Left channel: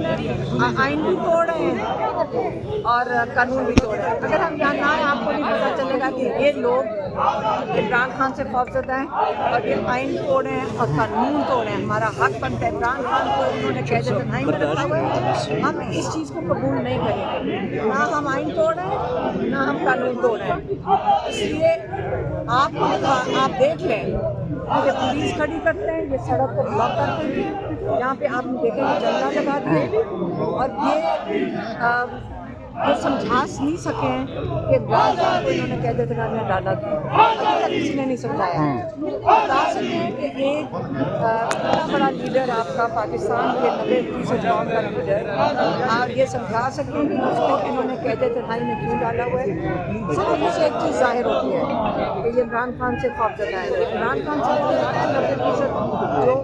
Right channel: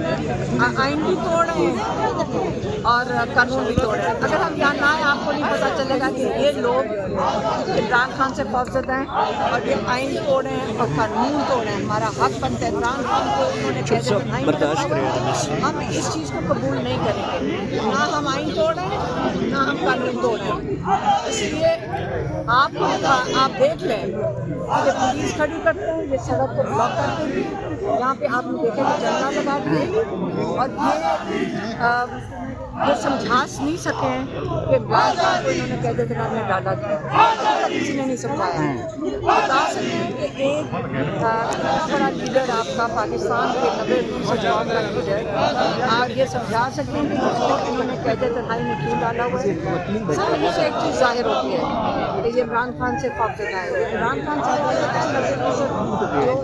इन्होंने आइन भी तोड़ रहे हैं और कानून भी तोड़ रहे हैं। अगर हम यहाँ ना आए आपको नहीं पता चलेगा कि ये लोग इमरान खान से खौफजदा हैं और ये आइन तोड़ रहे हैं और कानून तोड़ रहे हैं। हमारा हक बनता है, इमरान खान को उन्होंने कैसे तन्हाई में रखा हुआ है, हम इस चीज़ को कबूल नहीं करेंगे। ना हम आइन तोड़ रहे हैं ना हम कानून तोड़ रहे हैं। इसलिए आप देख लें कि जब पुलिस खड़ी करते हैं, ये सड़क को ब्लॉक करते हैं, यहाँ पे आपने देखा कि झंडा लगा दिए और ये समझा नहीं सके हैं कि इमरान खान को इन्होंने कैद-ए-खाने में डाला था। अभी तक किसी ने नहीं समझाया है। बता सकते हैं कि एक इतना बड़ा लीडर आपका पाकिस्तान के 90% कौम का लीडर आप ये समझा सकते हैं कि उसको इन्होंने कैद-ए-खाने में क्यों डाला हुआ है। सिर्फ इससे एक चीज़ जाहिर होती है कि ये इमरान खान से खौफजदा है। इमरान खान से खौफजदा है, 90% जो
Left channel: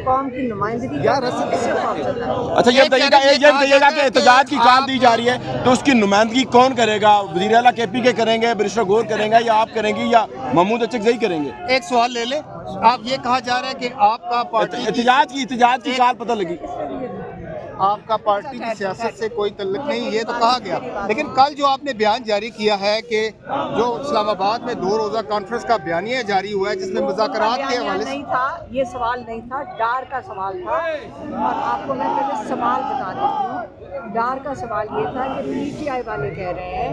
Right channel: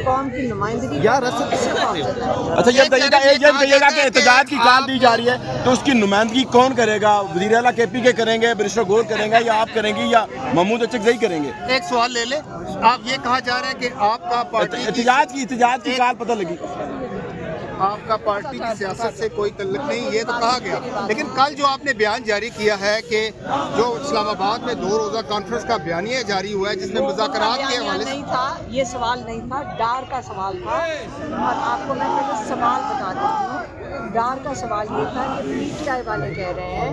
कौम की नुमाइंदगी इससे खौफजदा है। अच्छा ये बताइएगा कि एहतजाज की कॉल दी जा रही है तो उसकी नुमाइंदगी कौन करेगा? वज़ीर आला KP के करेंगे, बैरिस्टर गौर करेंगे या आप करेंगे या महमूद अचकज़ई करेंगे? एक सवाल ले ले, आप ये कहा जा रहा है कि आपका पार्टी एहतजाज की कॉल पता लगी, आपका पार्टी की सियासत से कोई तल्लुक नहीं, ये तो कहा गया। लेकिन कल जो आपने बयान जारी किया है कि जो इस्लामाबाद में 2 रोज़ा कॉन्फ्रेंस का बयानिया जारी हुआ है जिसमें मुज़ाकरात के हवाले से नहीं था, ये सवाल नहीं था, डार का सवाल था। और आपको मैं पहले सवाल बता देती हूँ। डार का सवाल ये था कि PTI वाले कह रहे हैं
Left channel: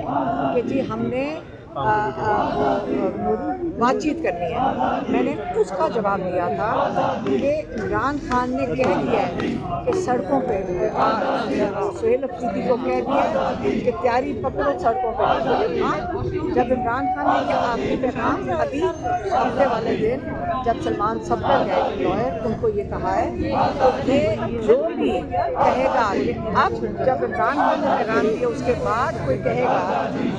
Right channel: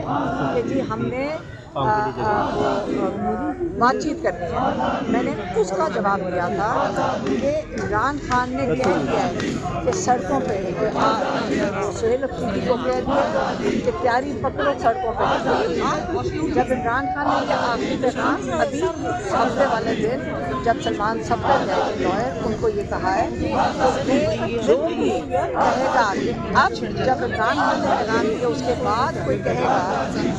कि जी हमने वो बातचीत करनी है। मैंने उसका जवाब दिया था कि इमरान खान ने कह दिया है कि सड़कों पे वो सुहेल अफरीदी को कह दिया कि तैयारी पकड़ो सड़कों पर। हाँ, जब इमरान खान ने ये आखिरी पैगाम अभी हफ्ते वाले दिन जब सलमान सफदर गए लॉयर उनको ये कहा है तो ये जो भी कहेगा कि अब जब इमरान खान ने पैगाम दिया उसके बाद कोई कहेगा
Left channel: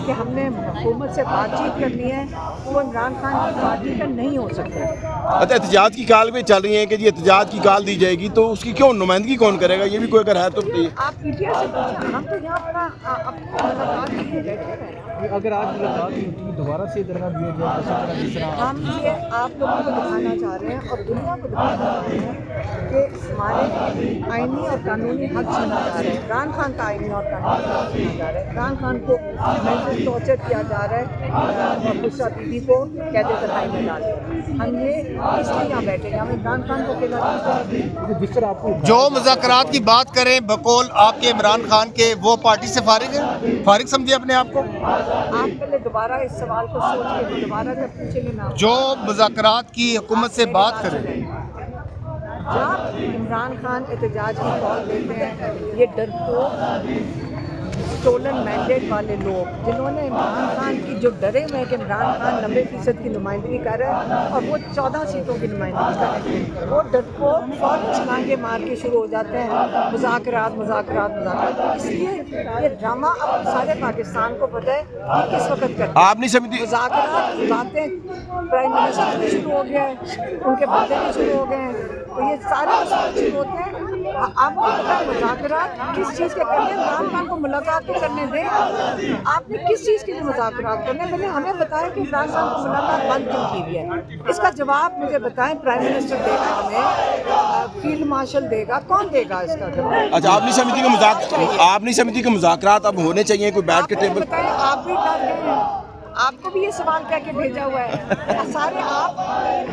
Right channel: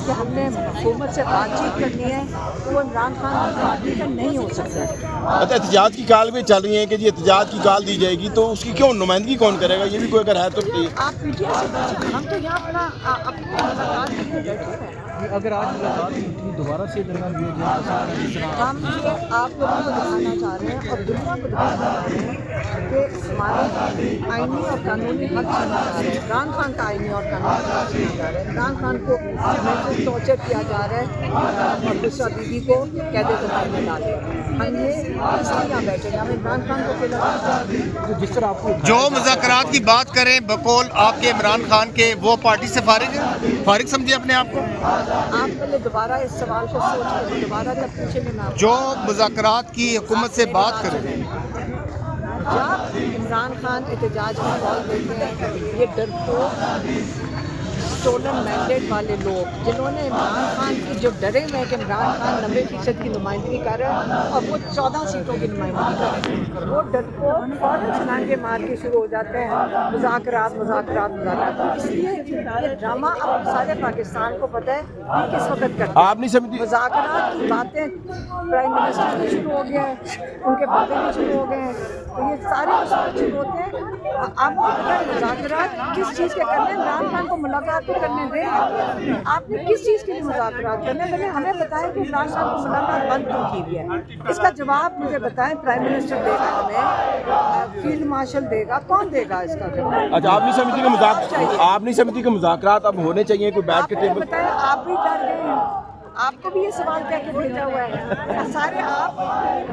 कि हमने हुकूमत से बातचीत करनी है तो वो इमरान खान की पार्टी का नहीं हो सकता। अच्छा एहतजाज की कॉल भी चल रही है कि जी एहतजाज की कॉल दी जाएगी तो उसकी क्यों नुमाइंदगी कौन करेगा? ये भी कोई अगर है तो आप PTI से पूछें, हम तो यहाँ अपना अपनी मुलाकात करके बैठे हैं। अगर आज मुलाकात हुई दोबारा से दरगाह दिया जाए तो हम ये आप लोगों को दिखाना चाह रहे हैं और दुनिया को दिखाना चाह रहे हैं कि हमारे आइनी और कानूनी हक छीना जा रहा है। इमरान खान का आइनी और कानूनी हक छीना जा रहा है। इमरान खान को मेंटल टॉर्चर किया जा रहा है और बुशरा बीबी को कैद-ए-खाने में डाल दिया। हम ये इसलिए यहाँ बैठे हैं, हम इमरान खान को अकेला जिस तरह आपको जो मुज़ाकरात की बात करें बकौल आपके इमरान खान के, वो पार्टी से फारिग समझे अपने आप को? आप पहले दोबारा इस सवाल को सोचिए, दोबारा जब पूछेंगे ना जो मुज़ाकरात की हुकूमत से बात करें, जब इमरान खान एहतजाज की कॉल देते हैं, ये डरपोक स्टोलन मैंडेट वाले लोग जिन्होंने इमरान खान की जो डरे हुए हैं कि इमरान खान 90% की नुमाइंदगी कर रहा है और वो 14 सीटों की नुमाइंदगी कर रहे हैं, वो डरपोक फ़ौरन छलांगे मार के शुरू हो जाते हैं मुज़ाकरात। इसलिए ये ड्रामा अब सारे पाकिस्तान को पता है कि किस वक्त करते हैं। मुज़ाकरात की बातें प्राइम मिनिस्टर भी शुरू हो गया है, उनके बंदे भी शुरू हो गए हैं, तो ये सारे उसमें शुरू होते हैं। आपको पता है मुज़ाकरात किस चीज़ के करने? इमरान खान को मुलाकात तो करने दें, आपने किस चीज़ के लिए मुज़ाकरात करने? पहले हमें बताएं कि इमरान खान को मुलाकात बंद क्यों की गई है। इसका जवाब मुझे बताएं, प्राइम मिनिस्टर देगा हमें, फील्ड मार्शल देगा, कौन देगा इसका जवाब? अच्छा आप नहीं समझती कि मुज़ाकरात अब होने चाहिए, कोई बैठ के टेबल? बताएं, आप भी डर गए हैं, आपको भी ये सवाल कह के भेजा हुआ है सारे आप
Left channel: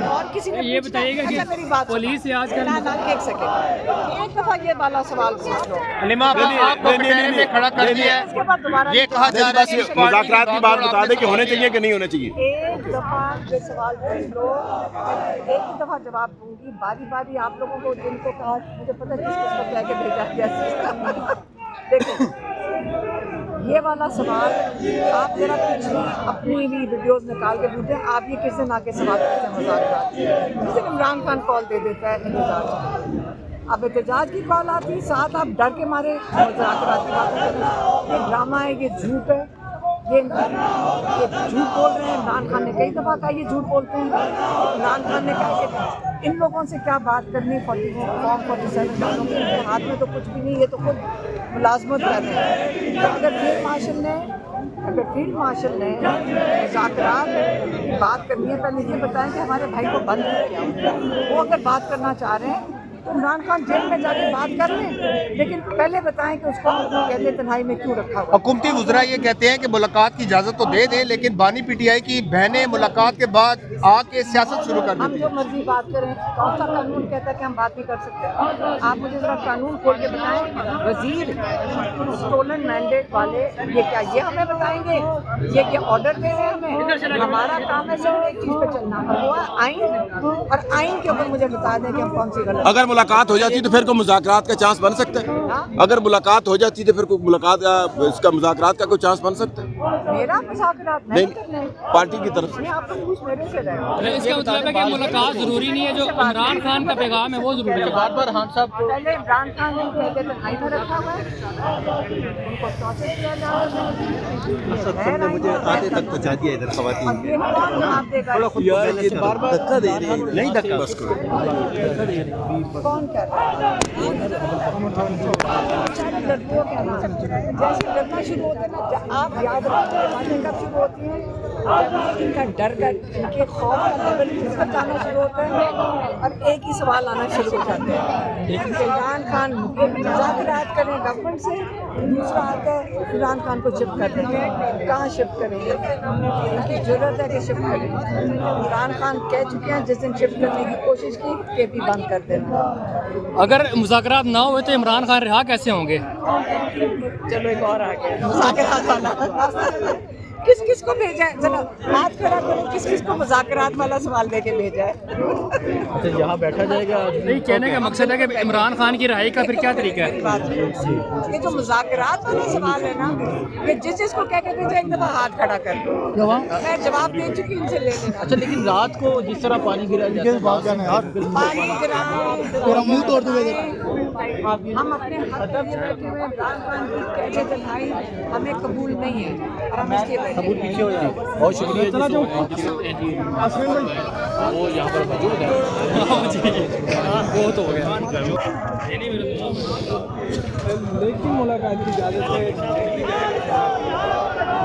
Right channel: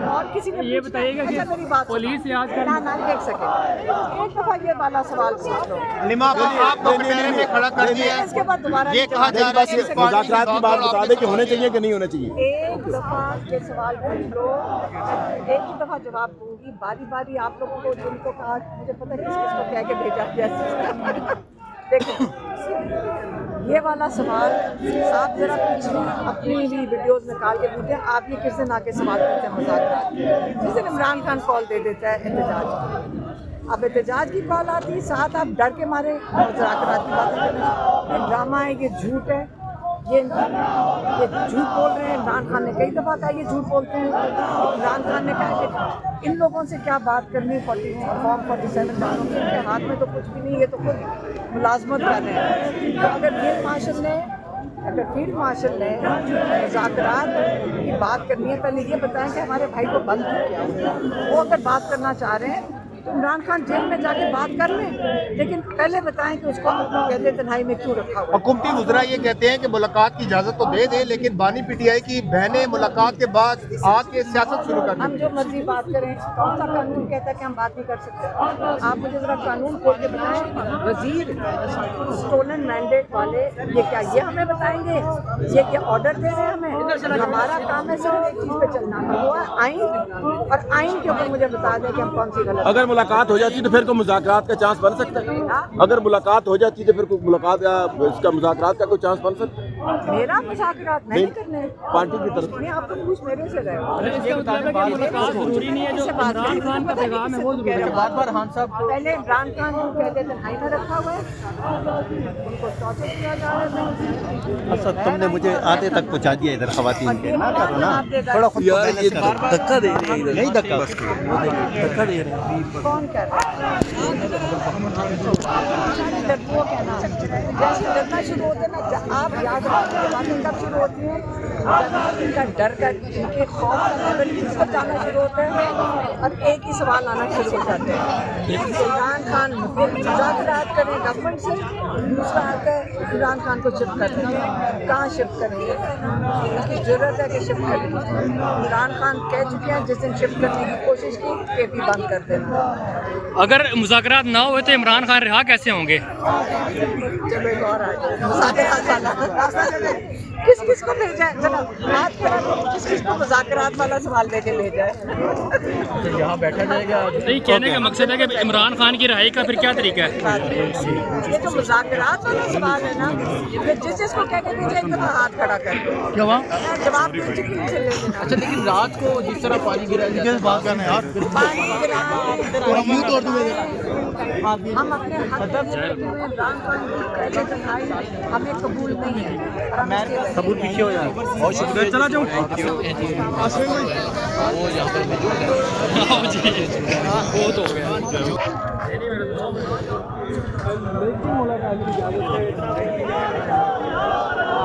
और किसी ने ये बताइएगा कि मेरी बात पुलिस से आज ना एक सेकंड एक दफा ये वाला सवाल पूछ लो। में खड़ा कर दिया है। इसके बाद दोबारा ये कहा जा रहा है कि मुज़ाकरात की बात बता दे कि होने चाहिए कि नहीं होने चाहिए। एक दफा ये सवाल पूछ लो, एक ही दफा जवाब दूंगी, बारी बारी आप लोगों को जिनको कहा मुझे पता किस किस को कह के भेजा गया। देखो ये वाला सवाल आप ज़रा पिछली अपनी भी वीडियोस निकाल के पूछते हैं, आप ये किस दिन आके सवाल पूछते हैं मुज़ाकरात की? जिस दिन इमरान खान कॉल दे देता है एहतजाज की, अब एहतजाज की कॉल आती, साथ आप डर के मारे मुज़ाकरात की बातें करने। ये ड्रामा है, ये झूठ है, ये झूठ बोल रहे हैं। इमरान खान ने कई दफ़ा कहा ये झूठ बोलते हैं। इमरान खान ने कहा कि इन लोगों से क्या बात करनी, फॉर्म 47 वालों के, इनके हाथ में तो कुछ भी नहीं, ये तो खुद मुलाजमत कर रहे हैं। तो अगर फील्ड मार्शल ने मुज़ाकरात की बात करनी है, पहले ये बताएं कि हमारे भाई को बंद किया हुआ है। वो अगर बात करना चाह रहे हैं तो इमरान खान जेल में जाके बात कर लें, लेकिन पहले बताएं कि उसको कैद तन्हाई में क्यों रखा हुआ है। हुकूमती वुज़रा ये कहते हैं कि मुलाकात की इजाज़त तो दे दें, लेकिन बानी पीटीआई की बहनें मुलाकात के बाद आके सियासत शुरू कर हम दें। जो मर्जी बात करें, कौन सा कानून कहता है कि हम बात नहीं कर सकते? आप मुझे ज़रा कानून खोल के बताएं। वजीर स्टोलन मैंडेट वाले ये क्या, ये हमें बताएंगे? ये क्या ऑर्डर दे रहे हैं हमें? हमारा काम है सिर्फ एक चीज़ पे चलना, और वो है आइन, और आइन के ऊपर मुझे बता दें कि हम कौन सी गलत। अगर मुलाकात हो जाती तो फिर कोई मुज़ाकरात का चांस बन सकता है? हाँ? अगर मुलाकात हो जाती तो फिर कोई मुलाकात इसका मुज़ाकरात का कोई चांस बन सकता है? मेरा मुज़ाकरात नहीं करने, पार्टी की तरफ से नहीं, आप तो पूछ मेरे से रहे हो। इसका मतलब है कि मुलाकात जरूरी नहीं है, जो इमरान खान का पैगाम है वो जरूरी है। बार हम सब पहले इमरान खान को कैद तन्हाई में रखा हुआ है, उनको टॉर्चर किया जा रहा है। तुमने मुझे आधे तक पहुंचा दिया इधर खवातीन, और ये कौन जवाब देगा? बार बार धक्का दे रही है, नहीं धक्का बस कौन कर रहा है? डरपोक है ना, जैसे डरना शुरू होते ना, आप याद रखिए बातें कब शुरू होती हैं, जब इनका डर का, इनके खौफ का लेवल इस पर जाना शुरू होता है, और एक ही सवाल आना शुरू हो जाते हैं। इमरान खान मुज़ाकरात करें गवर्नमेंट से, दूसरा आता है इमरान खान को शिफ्ट कर देंगे। कहाँ शिफ्ट करेंगे? उनकी ज़रूरत है कि शिफ्ट करें। इमरान खान कह चुके हैं जिस दिन शिफ्ट करने की कोशिश की, केपी बंद कर देना। अगर मुज़ाकरात ना हुए तो इमरान खान रिहा कैसे होंगे? चलो एक और आ गया मुज़ाकरात वाला। किस किस को भेजा है, जरा बात करो, किस किस को मुज़ाकरात वाला सवाल दे के भेजा है? तो यहाँ बैठा जाएगा। नहीं, कहने का मकसद है कि इमरान खान की रिहाई का फिर क्या तरीका है? ये जो मुज़ाकरात वाला सवाल है ना, ये जिस जिसको कह के भेजा एक दफ़ा हाथ खड़ा कर दो। क्या हुआ? मैं जवाब दे चुकी, इनसे ले लेना। अच्छा, लेकिन रात को जिस तरह पानी गिरा बात करना है यार, पानी गिराएं, थोड़ा मुंह तोड़ दूंगा। हम अपने हक के लिए बैठे हुए हैं। इमरान खान की कैद तन्हाई हमें कबूल नहीं है, और हम इसके बैठे सबूत पीछे हो यार, बहुत शुक्रिया। चला जाऊँ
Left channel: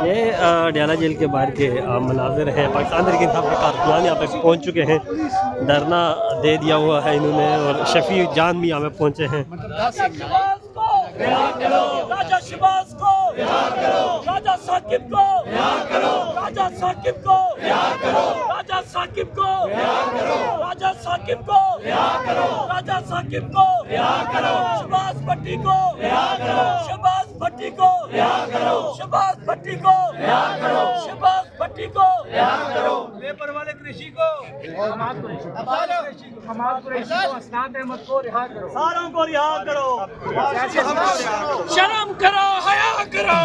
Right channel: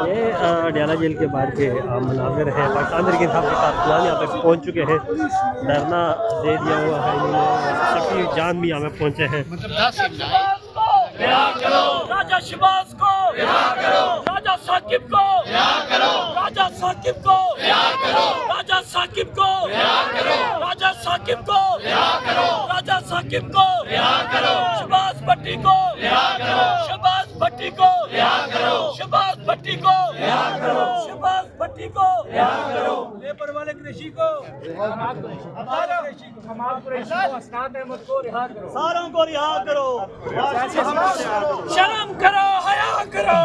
ये डयाला जेल के बाहर के मनाजिर हैं। पाकिस्तान तहरीक इंसाफ के कारकुनान यहाँ पर पहुँच चुके हैं, धरना दे दिया हुआ है इन्होंने, और शफी जान भी यहाँ पे पहुँचे हैं। राजा शहबाज को राजा साकिब को राजा साकिब को राजा साकिब को राजा साकिब को राजा साकिब को शहबाज भट्टी को शहबाज भट्टी को शहबाज भट्टी को शहबाज भट्टी को लेबर वाले कृषि को हमाद कुरैशी को असनाद अहमद को रिहा करो, सारों को रिहा करो। शर्म करो, हया करो।